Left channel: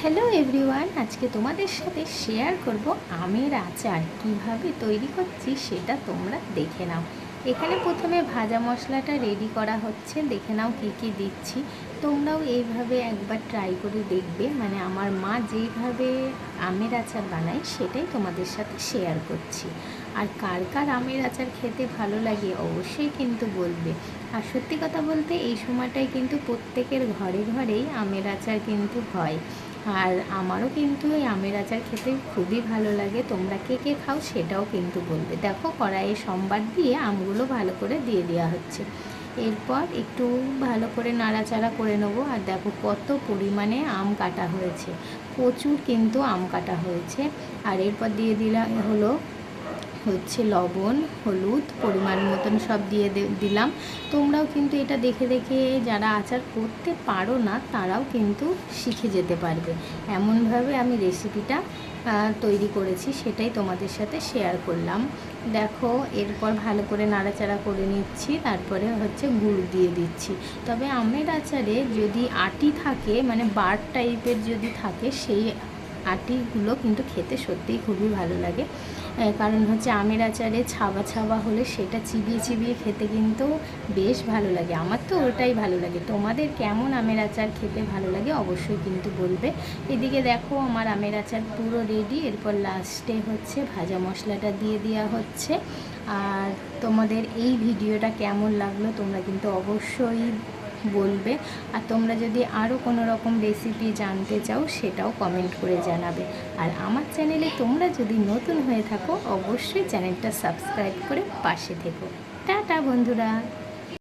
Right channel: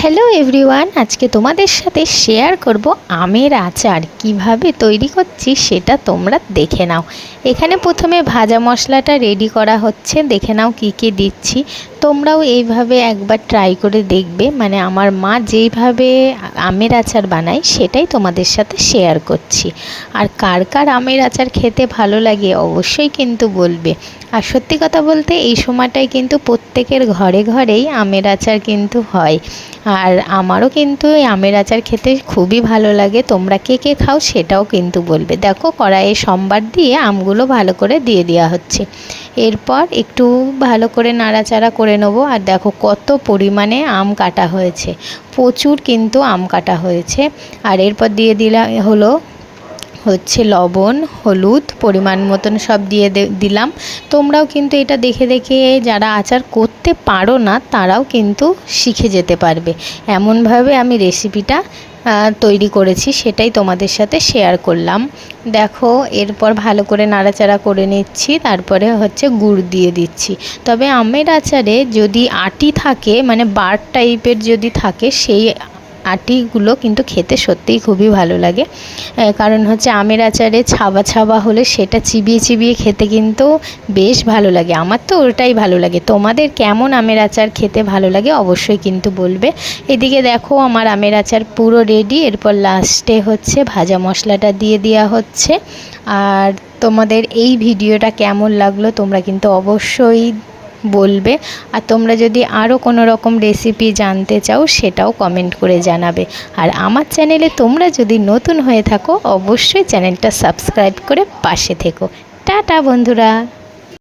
Hello everyone, আজকে তোমাদের সাথে শেয়ার করব আমের আচার কিভাবে তৈরি করছি সেটা তোমরা দেখে নাও। এখানে প্রথমে ভাজা মশলাটা রেডি করা হচ্ছে, দেখে নাও কী কী দিচ্ছি। তোমরাও এইভাবে একবার ট্রাই করে দেখবে, মানে আমার মা যেইভাবে আমের আচার বানায় সেটাই তোমাদের সাথে শেয়ার করছি। আর কার কার আমের আচার খেতে ভালো লাগে অবশ্যই কিন্তু বলবে। আর সত্যি কথা বলতে এই সময়টায় কিন্তু প্রত্যেকের ঘরে ঘরেই আমের আচার কিন্তু হয়। আর আমারও কিন্তু এই আমের আচার খেতে খুবই ভালো লাগে। তোমরা কে কে খাও সেটাও কিন্তু বলবে। দেখো কড়াইয়ে সম্বার দিয়ে আমগুলো ভালো করে দিয়ে দেওয়া হচ্ছে। এরপর একটু ভালো করে নাড়াচাড়া করে নেবো। আর দেখো কত পরিমাণে আম কাটা হয়েছে, প্রচুর কিন্তু আম কাটা হয়েছে। আর এরপর দিয়ে হচ্ছে লবণ, হলুদ পরিমাণ মতন সব দিয়ে দিলাম। তোমরাও কিন্তু এটা দেখে দেখে যারা আচার করতে পারো না তারাও কিন্তু শিখে যেতে পারবে। এমনভাবে আমি রেসিপিটা তৈরি করেছি, সেটাই তোমাদের সাথে শেয়ার করলাম। দেখো এরপর ভালো করে নাড়াচাড়া করে নিচ্ছি, তারপরে হচ্ছে গুড় দিয়ে দিচ্ছি। তবে আমের আচারে যদি আটি থাকে, মানে বার টাইপের যদি থাকে, সেই আটিগুলো কিন্তু খেতে সত্যিই খুবই ভালো লাগে। কারণ হচ্ছে আমের আচারে ছাবা ছাবা হলে সেটা চিবিয়ে চিবিয়ে খেতে কিন্তু বেশ ভালো লাগে। আমার তো ওটাই ভালো লাগে। তোমাদের কেমন আমের আচার খেতে ভালো লাগে অবশ্যই কিন্তু বলবে। এদিকে দেখো আমার আমের আচার পুরো রেডি। এরপর লাস্টে হচ্ছে ভাজা মশলাটা দিয়ে দেওয়া হচ্ছে। আর তোমাদের এই ভিডিওটা কেমন লাগলো তোমরা কিন্তু অবশ্যই বলবে। আর তোমরা যদি আরও কোনো রকম রেসিপি জানতে চাও সেটাও কমেন্ট করে জানাবে। আর আমার চ্যানেলে তোমরা যদি নতুন হয়ে থাকো অবশ্যই চ্যানেলটা সাবস্ক্রাইব করে পাশে থেকো। টাটা বন্ধুরা।